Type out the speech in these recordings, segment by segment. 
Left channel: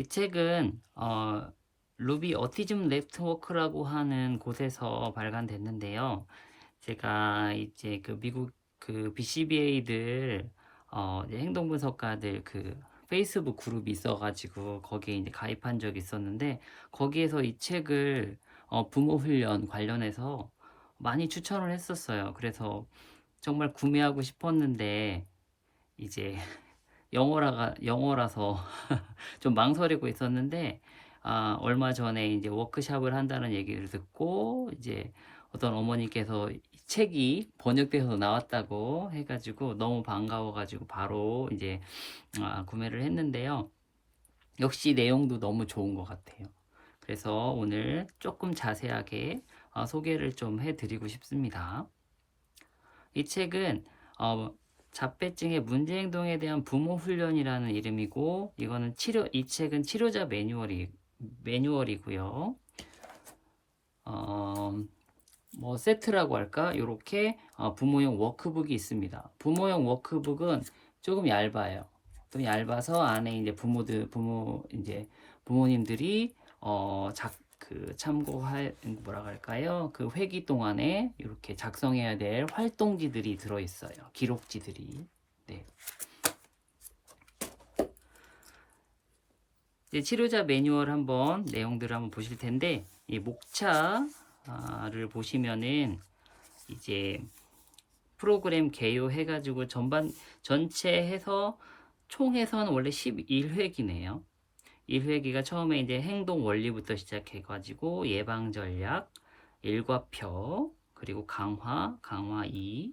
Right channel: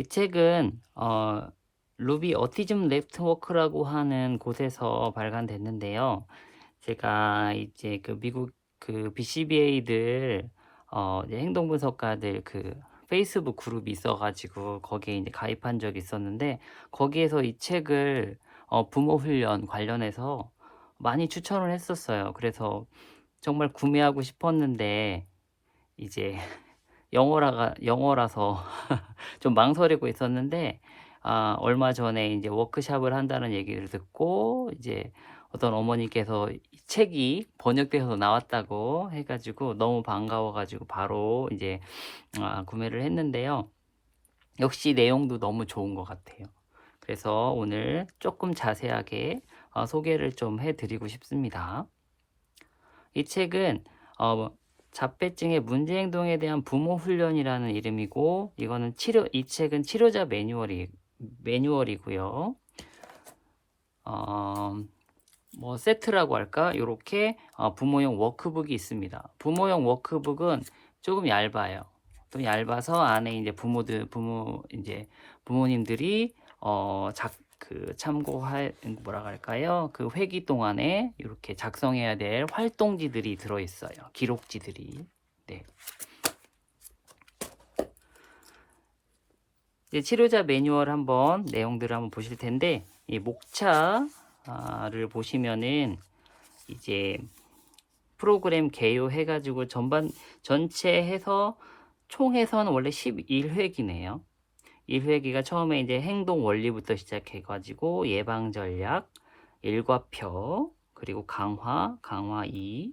이 책은 루비 어티즘 네트워크라고 하는 곳에서 발간됐는데요. 제가 이제 그 미국 그 BCBA들 이제 행동 분석가들 그 페이스북 그룹이 있어가지고 거기에 이제 가입한 적이 있었는데, 거기에서 이 책을 부모 훈련 관련해서 많이 추천을 했었어요. 그래서 정말 구매하고 싶었는데 이제 영어라서 좀 망설이고 있었는데, 얼마 전에 이제 워크샵을 한다는 얘기를 듣고 이제 어떤 어머니께서 이 책이 번역돼서 나왔다고 해가지고 너무 반가워가지고 바로 이제 구매를 했는데요. 역시 내용도 너무 좋은 것 같아요. 그래서 오늘 조금 자세하게 소개를 좀 해드리고 싶습니다. 이 책은 어, 자폐증의 문제행동에 대한 부모 훈련이라는 이름이고, 이 책은 치료자 매뉴얼이고요. 어, 뭐 세트라고 할까? 이렇게 부모용 워크북이 있습니다. 부모용 워크북은 조금 얇아요. 좀 얇아서 안에 이제 부모님들이 참고할 뭐라 할까요? 그 회기 동안에 이렇게 작성해야 될 활동지들이 들어 있어요. 기록지들이. 네. 이제 치료자 매뉴얼 한번 내용들을 한번 보실 텐데, 이 목차를 보시면은 이제 프로그램 개요해가지고 전체 해서 총 해서는 원래 11회기네요. 1회기가 처음에 이제 행동 원리부터 시작해가지고 예방 전략, 일과표, 그리고 강화 2,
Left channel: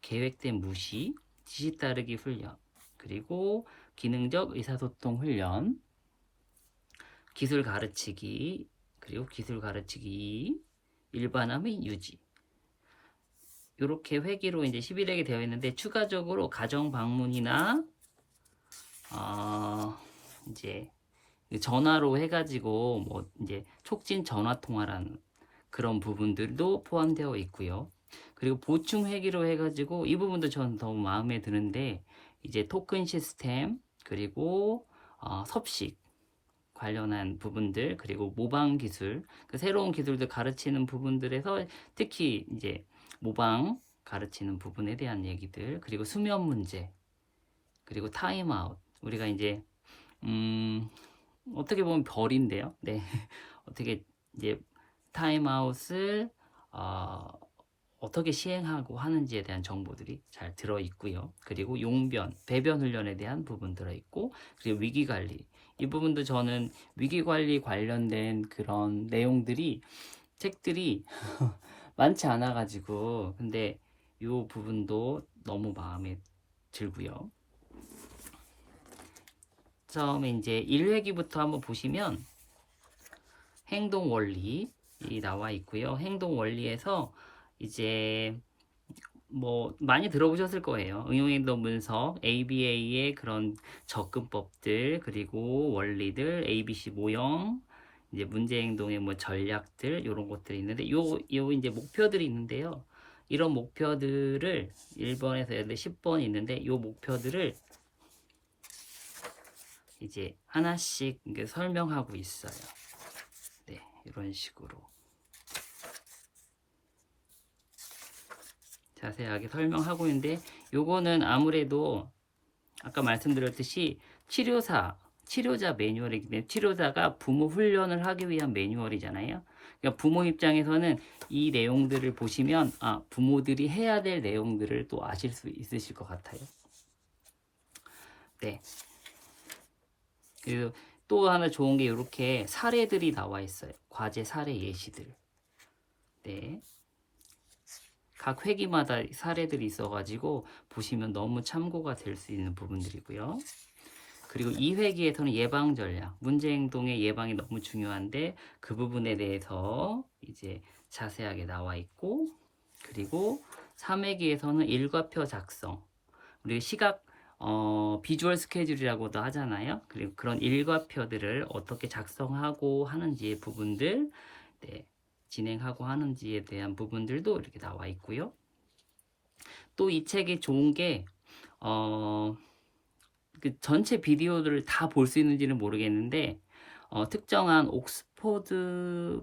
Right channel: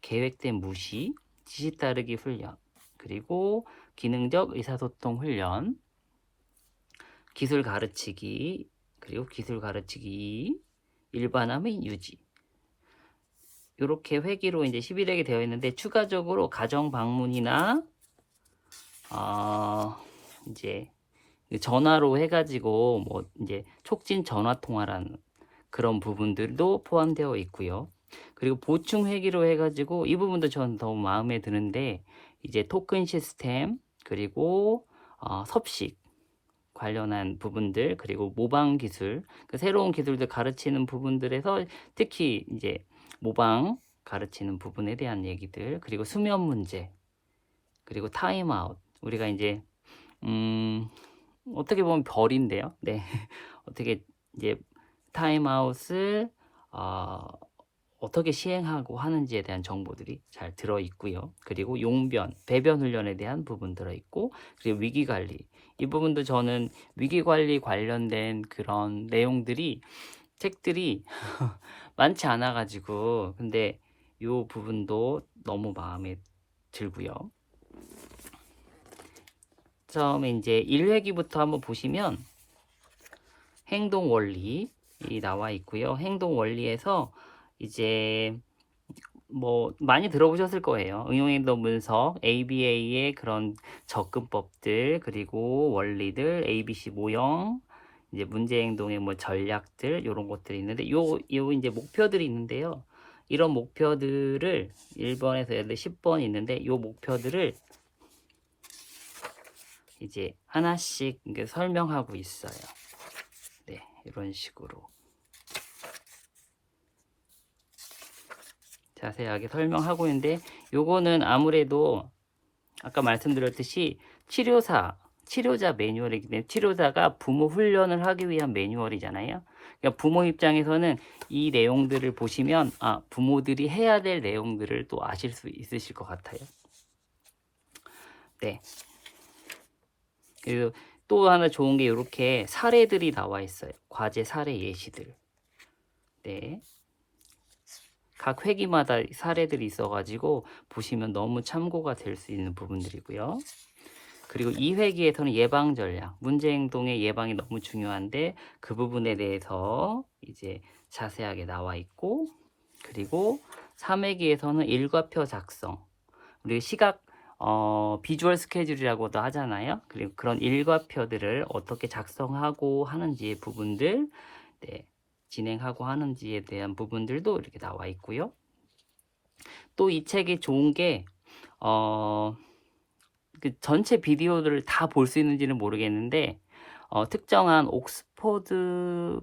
계획된 무시, 지시 따르기 훈련, 그리고 기능적 의사소통 훈련, 기술 가르치기, 그리고 기술 가르치기 2, 일반화 및 유지. 이렇게 회기로 이제 11회기 되어 있는데, 추가적으로 가정 방문이나 이제 전화로 해가지고 뭐 이제 촉진 전화 통화라는 그런 부분들도 포함되어 있고요. 그리고 보충 회기로 해가지고 이 부분도 저는 너무 마음에 드는데, 이제 토큰 시스템, 그리고 섭식 관련한 부분들, 그리고 모방 기술, 그 새로운 기술들 가르치는 부분들에서 특히 이제 모방 가르치는 부분에 대한 얘기들, 그리고 수면 문제, 그리고 타임아웃. 우리가 이제 어떻게 보면 별인데요. 네. 어떻게 이제 타임아웃을 어떻게 시행하고 하는지에 대한 정보들이 잘 들어 있고요. 그리고 용변, 배변 훈련에 대한 부분 들어 있고, 그리고 위기 관리. 이 부분도 저는 위기 관리 관련된 그런 내용들이 책들이 많지 않아 가지고, 근데 이 부분도 너무 마음에 들고요. 처음에 이제 1회기부터 한번 보시면 행동 원리 나와 있고요. 행동 원리에서 이제 뭐 많이 들어보셨을 거예요. 응용행동 분석, ABA의 그런 접근법들, 그리고 원리들, ABC 모형, 이제 문제행동의 뭐 전략들, 이런 것들이 있는데, 요 이제 목표들이 있는데요. 이런 목표들을 1번에서 10번 있는데, 요 목표들을 이제 하나씩 설명하고 있어요. 네, 이런 식으로 자세하게 설명하고 있는데, 요거는 아무래도 아까 말씀드렸듯이 치료자 매뉴얼이기 때문에, 치료자가 부모 훈련을 하기 위한 매뉴얼이잖아요. 그러니까 부모 입장에서는 이 내용들을 보시면 부모들이 해야 될 내용들을 또 아실 수 있으실 것 같아요. 네. 그리고 또 하나 좋은 게 이렇게 사례들이 나와 있어요. 과제 사례 예시들. 네. 각 회기마다 사례들이 있어가지고 보시면 너무 참고가 될 수 있는 부분들이고요. 그리고 2회기에서는 예방 전략, 문제 행동의 예방이 너무 중요한데 그 부분에 대해서 이제 자세하게 나와 있고, 그리고 3회기에서는 일과표 작성, 우리 비주얼 스케줄이라고도 하잖아요. 그리고 그런 일과표들을 어떻게 작성하고 하는지의 부분들, 네, 진행하고 하는지에 대한 부분들도 이렇게 나와 있고요. 또 이 책이 좋은 게 그 전체 비디오들을 다 볼 수 있는지는 모르겠는데 특정한 옥스퍼드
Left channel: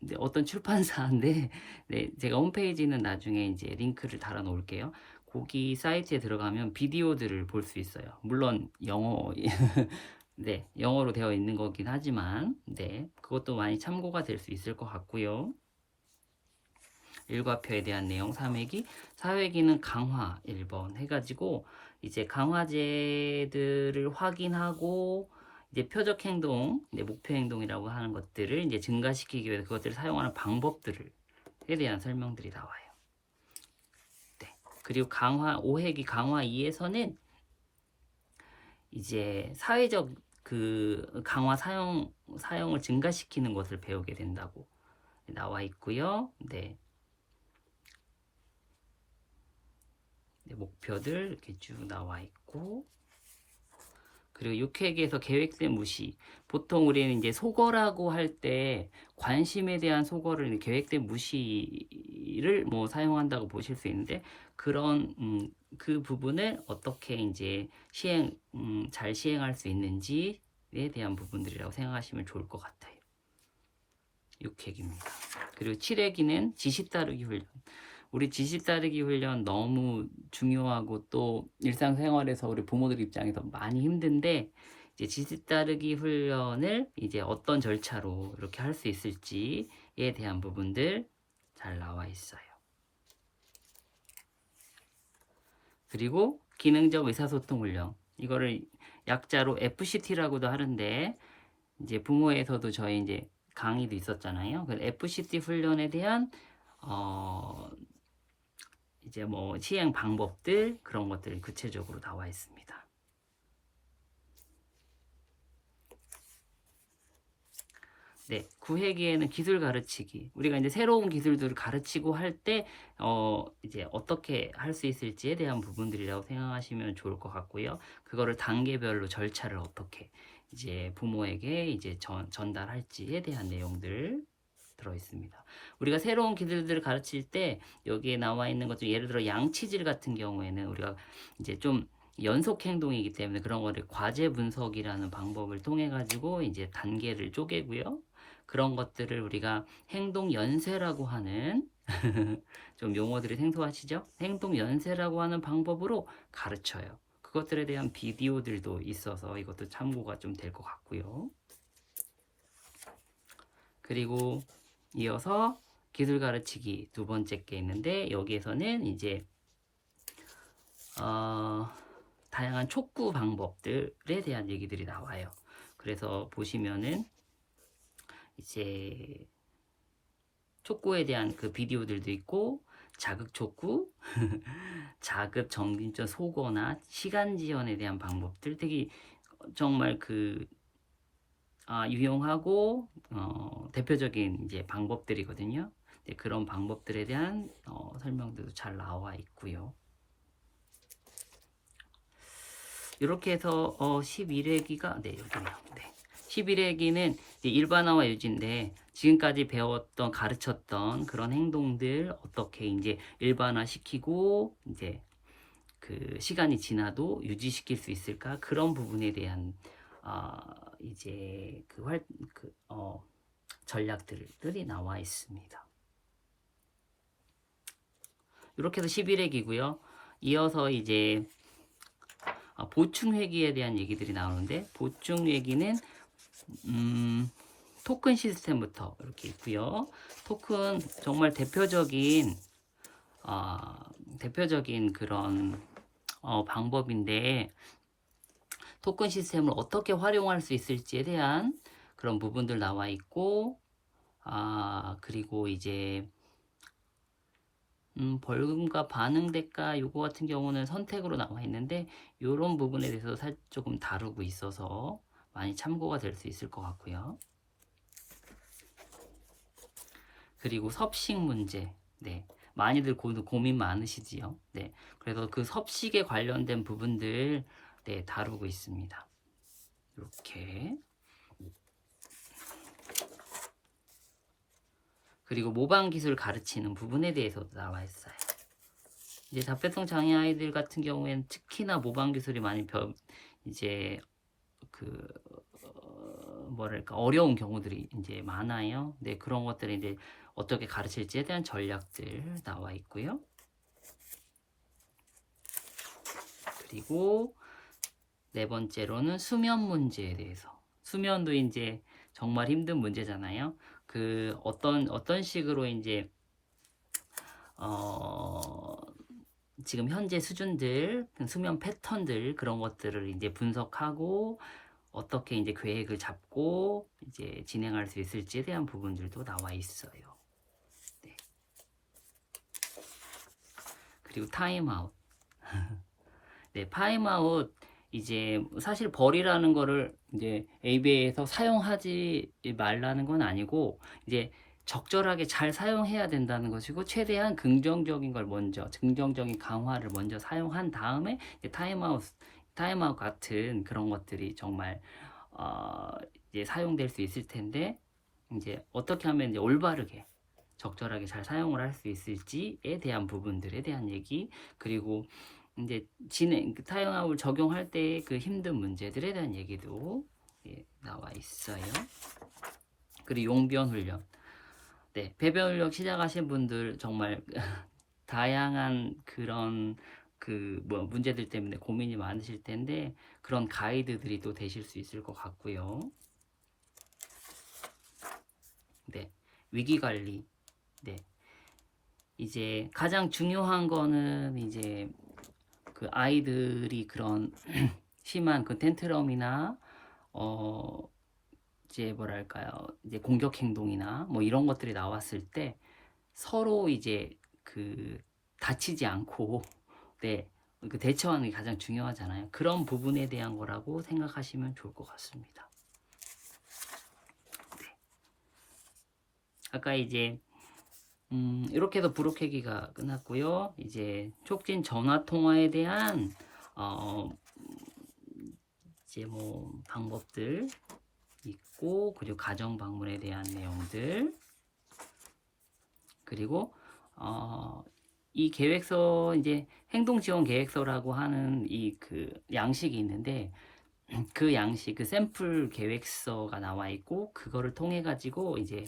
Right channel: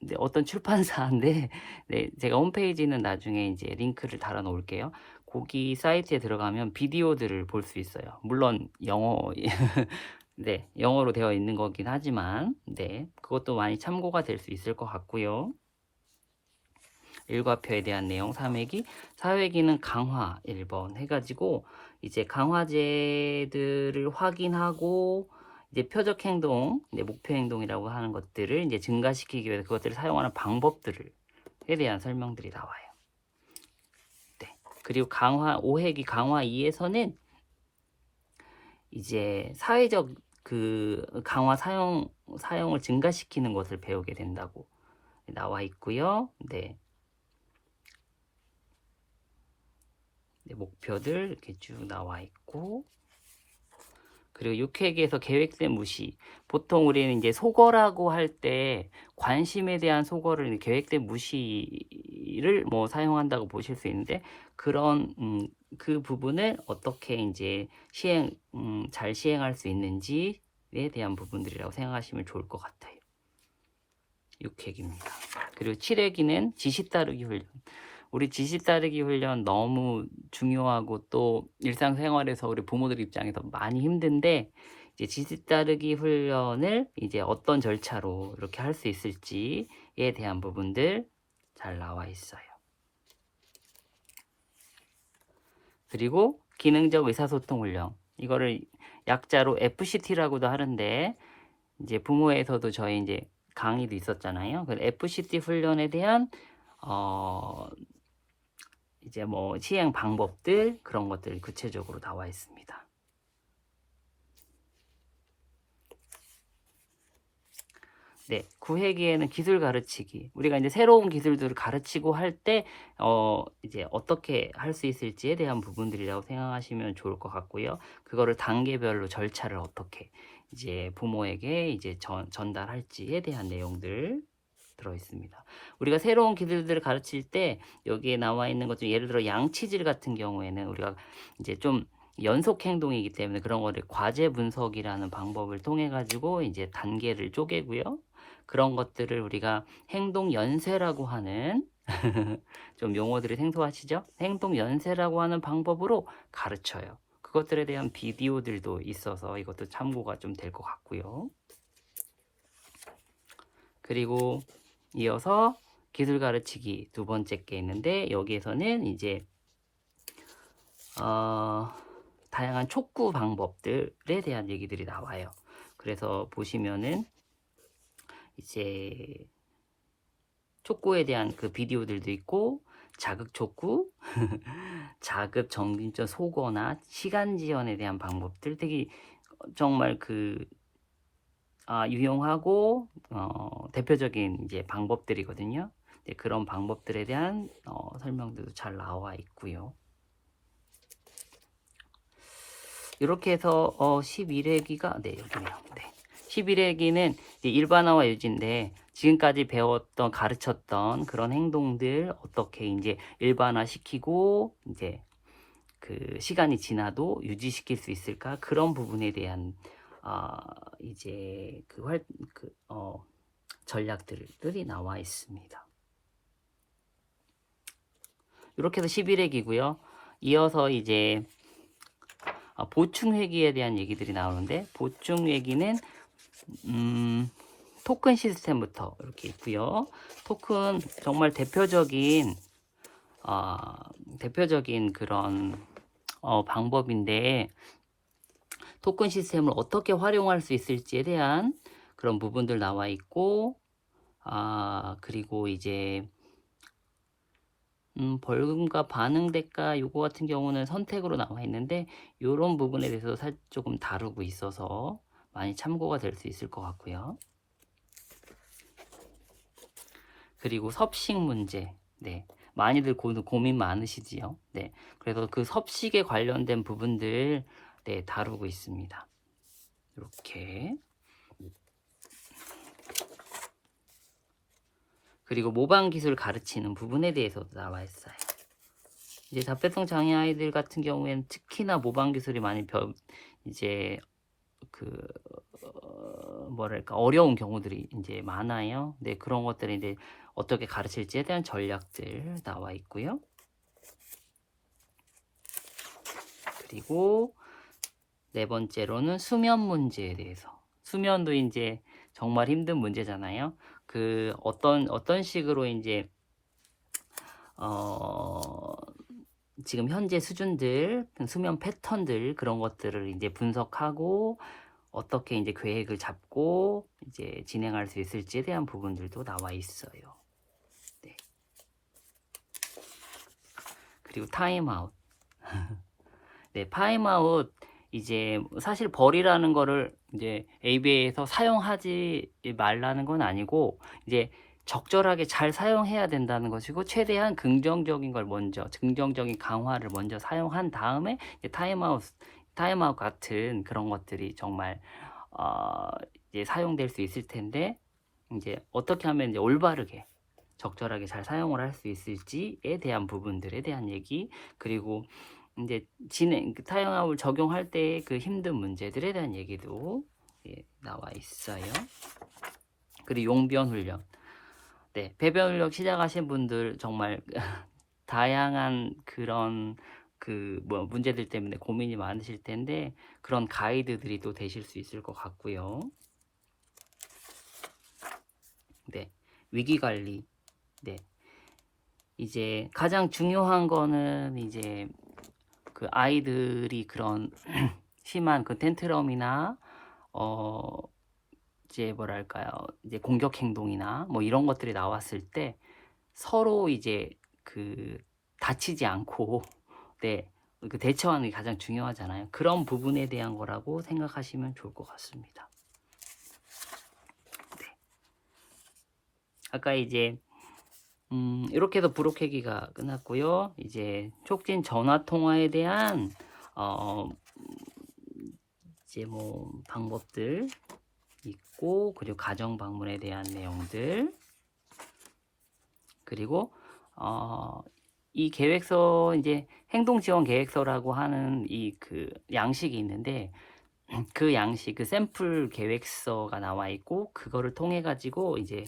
네, 어떤 출판사인데 네, 제가 홈페이지는 나중에 이제 링크를 달아 놓을게요. 거기 사이트에 들어가면 비디오들을 볼 수 있어요. 물론 영어 네, 영어로 되어 있는 거긴 하지만 네, 그것도 많이 참고가 될 수 있을 것 같고요. 일과표에 대한 내용 3회기, 4회기는 강화 1번 해가지고 이제 강화제들을 확인하고 이제 표적 행동, 이제 목표 행동이라고 하는 것들을 이제 증가시키기 위해서 그것들을 사용하는 방법들에 대한 설명들이 나와요. 네. 그리고 강화 5회기 강화 2에서는 이제 사회적 그 강화 사용을 증가시키는 것을 배우게 된다고 나와 있고요. 네. 네, 목표들 이렇게 쭉 나와 있고, 그리고 6회기에서 계획된 무시. 보통 우리는 이제 속어라고 할 때 관심에 대한 속어를 계획된 무시를 뭐 사용한다고 보실 수 있는데, 그런 그 부분을 어떻게 이제 잘 시행할 수 있는지에 대한 부분들이라고 생각하시면 좋을 것 같아요. 6회기입니다. 그리고 7회기는 지시 따르기 훈련. 우리 지시 따르기 훈련 너무 중요하고 또 일상생활에서 우리 부모들 입장에서 많이 힘든데, 이제 지시 따르기 훈련을 이제 어떤 절차로 이렇게 할 수 있을지에 대한 부분들 잘 나와 있어요. 그리고 기능적 의사소통 훈련. 이거를 약자로 FCT라고도 하는데, 이제 부모에서도 저희 이제 강의도 있었잖아요. 그 FCT 훈련에 대한 이제 뭐 시행 방법들 그런 것들이 구체적으로 나와 있습니다. 네, 9회기에는 기술 가르치기. 우리가 이제 새로운 기술들을 가르치고 할 때 이제 어떻게 할 수 있을지에 대한 부분들이라고 생각하시면 좋을 것 같고요. 그거를 단계별로 절차를 어떻게 이제 부모에게 이제 전달할지에 대한 내용들 들어 있습니다. 우리가 새로운 기술들을 가르칠 때 여기에 나와 있는 것 중 예를 들어 양치질 같은 경우에는 우리가 이제 좀 연속 행동이기 때문에 그런 거를 과제 분석이라는 방법을 통해 가지고 이제 단계를 쪼개고요. 그런 것들을 우리가 행동 연쇄라고 하는 좀 용어들이 생소하시죠? 행동 연쇄라고 하는 방법으로 가르쳐요. 그것들에 대한 비디오들도 있어서 이것도 참고가 좀 될 것 같고요. 그리고 이어서 기술 가르치기 두 번째 게 있는데, 여기에서는 이제 다양한 촉구 방법들에 대한 얘기들이 나와요. 그래서 보시면은 이제 촉구에 대한 그 비디오들도 있고, 자극 촉구, 자극 정신적 소거나 시간 지연에 대한 방법들 되게 정말 그 유용하고 대표적인 이제 방법들이거든요. 네, 그런 방법들에 대한 설명도 잘 나와 있고요. 이렇게 해서 11회기가 네, 여기네요. 네. 11회기는 일반화와 유지인데, 지금까지 배웠던 가르쳤던 그런 행동들 어떻게 이제 일반화 시키고 이제 그 시간이 지나도 유지시킬 수 있을까, 그런 부분에 대한 이제 전략들이 나와 있습니다. 이렇게 해서 11회기고요. 이어서 이제 보충회기에 대한 얘기들이 나오는데, 보충회기는 토큰 시스템부터 이렇게 있고요. 토큰 정말 대표적인 그런 방법인데, 토큰 시스템을 어떻게 활용할 수 있을지에 대한 그런 부분들 나와 있고, 그리고 이제 벌금과 반응 대가 요거 같은 경우는 선택으로 나와 있는데, 이런 부분에 대해서 조금 다루고 있어서 많이 참고가 될 수 있을 것 같고요. 그리고 섭식 문제, 네, 많이들 고민 많으시지요. 네, 그래서 그 섭식에 관련된 부분들 네, 다루고 있습니다. 이렇게. 그리고 모방 기술 가르치는 부분에 대해서도 나와 있어요. 이제 자폐성 장애 아이들 같은 경우에는 특히나 모방 기술이 많이 이제 그 뭐랄까 어려운 경우들이 이제 많아요. 네, 그런 것들이 이제 어떻게 가르칠지에 대한 전략들 나와 있고요. 그리고 네 번째로는 수면 문제에 대해서. 수면도 이제 정말 힘든 문제잖아요. 그 어떤 식으로 이제 지금 현재 수준들, 수면 패턴들 그런 것들을 이제 분석하고 어떻게 이제 계획을 잡고 이제 진행할 수 있을지에 대한 부분들도 나와 있어요. 네. 그리고 타임아웃. 네, 타임아웃 이제 사실 벌이라는 거를 이제 ABA에서 사용하지 말라는 건 아니고 이제 적절하게 잘 사용해야 된다는 것이고 최대한 긍정적인 걸 먼저 긍정적인 강화를 먼저 사용한 다음에 이제 타임아웃 같은 그런 것들이 정말 이제 사용될 수 있을 텐데 이제 어떻게 하면 이제 올바르게 적절하게 잘 사용을 할 수 있을지에 대한 부분들에 대한 얘기 그리고 이제 타임아웃을 적용할 때 그 힘든 문제들에 대한 얘기도 나와 있어요. 그리고 용변 훈련. 네, 배변 훈련 시작하신 분들 정말 다양한 그런 뭐 문제들 때문에 고민이 많으실 텐데 그런 가이드들이 또 되실 수 있을 것 같고요. 네, 위기 관리. 네, 이제 가장 중요한 거는 이제 그 아이들이 그런 심한 그 텐트럼이나 이제 뭐랄까요 이제 공격 행동이나 뭐 이런 것들이 나왔을 때 서로 이제 그 다치지 않고 네, 그 대처하는 게 가장 중요하잖아요. 그런 부분에 대한 거라고 생각하시면 좋을 것 같습니다. 네. 아까 이제 이렇게 해서 브로케기가 끝났고요. 이제 촉진 전화 통화에 대한 이제 뭐 방법들 있고 그리고 가정 방문에 대한 내용들 그리고 이 계획서 이제 행동 지원 계획서라고 하는 이 그 양식이 있는데 그 양식 그 샘플 계획서가 나와 있고 그거를 통해 가지고 이제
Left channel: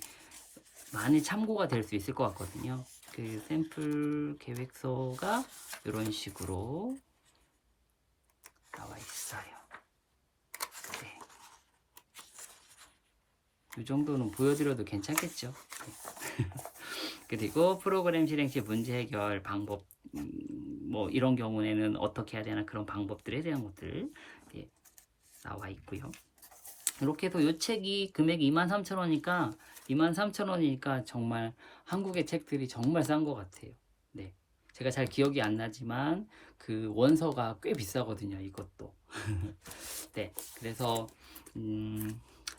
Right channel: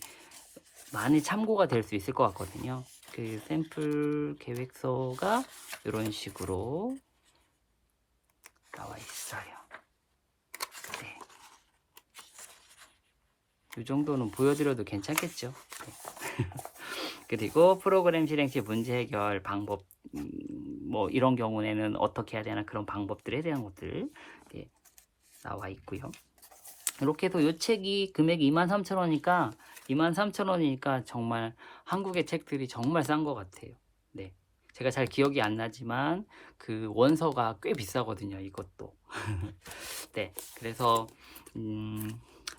많이 참고가 될 수 있을 것 같거든요. 그 샘플 계획서가 이런 식으로 나와 있어요. 네. 이 정도는 보여드려도 괜찮겠죠. 네. 그리고 프로그램 실행 시 문제 해결 방법 뭐 이런 경우에는 어떻게 해야 되나 그런 방법들에 대한 것들 나와 있고요. 이렇게 해서 이 책이 금액이 23,000원이니까 23,000원이니까 정말 한국의 책들이 정말 싼 것 같아요. 네, 제가 잘 기억이 안 나지만 그 원서가 꽤 비싸거든요. 이것도. 네, 그래서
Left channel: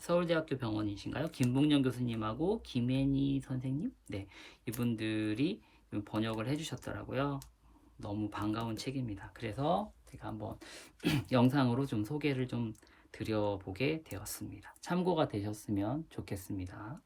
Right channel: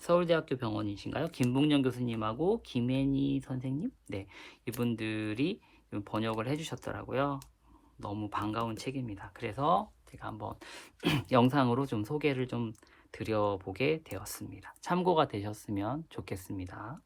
서울대학교 병원이신가요? 김북년 교수님하고 김혜니 선생님? 네, 이분들이 번역을 해주셨더라고요. 너무 반가운 책입니다. 그래서 제가 한번 영상으로 좀 소개를 좀 드려보게 되었습니다. 참고가 되셨으면 좋겠습니다.